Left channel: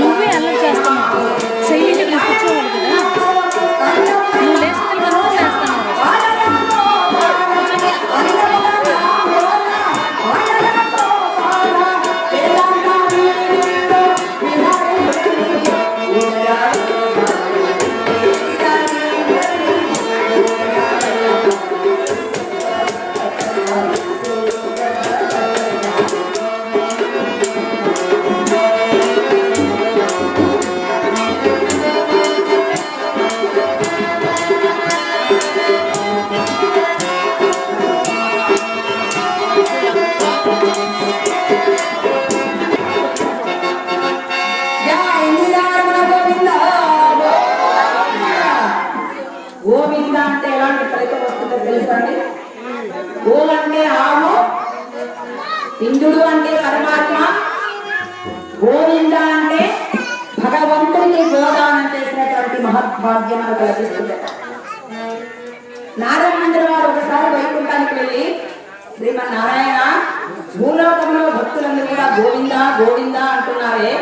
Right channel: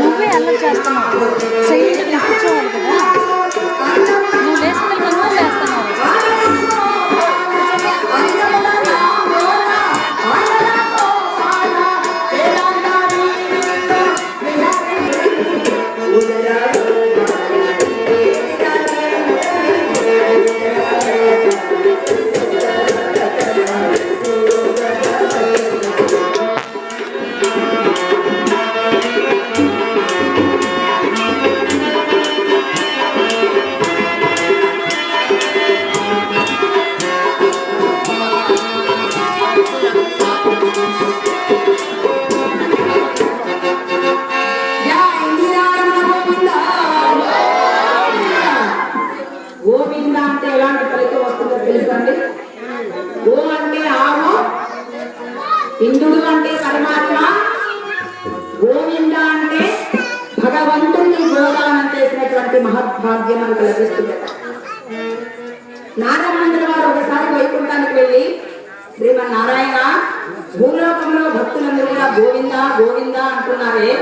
నువ్వే అల్లరి చేస్తున్నావు, సైలెంట్గా నువ్వు కూర్చోవాలి కదా. నువ్వు లేస్తే నువ్వు లేస్తున్నావు. గోవింద అంటే ఎలాంటి ఫలితం వస్తుందో తెలుసండి. గో అంటే ఆవు, ఇంద్రుడు అంటే పరమాత్మ, గోవింద అంటే భగవంతుని గోదానం చేసినటువంటి మహద్భాగ్యం మనకు లభిస్తుంది. నారాయణ వారు ఒకసారి వైకుంఠానికి వెళ్ళి శ్రీమన్నారాయణ భూలోకంలో భక్తులందరూ గోవింద గోవింద అంటున్నారే,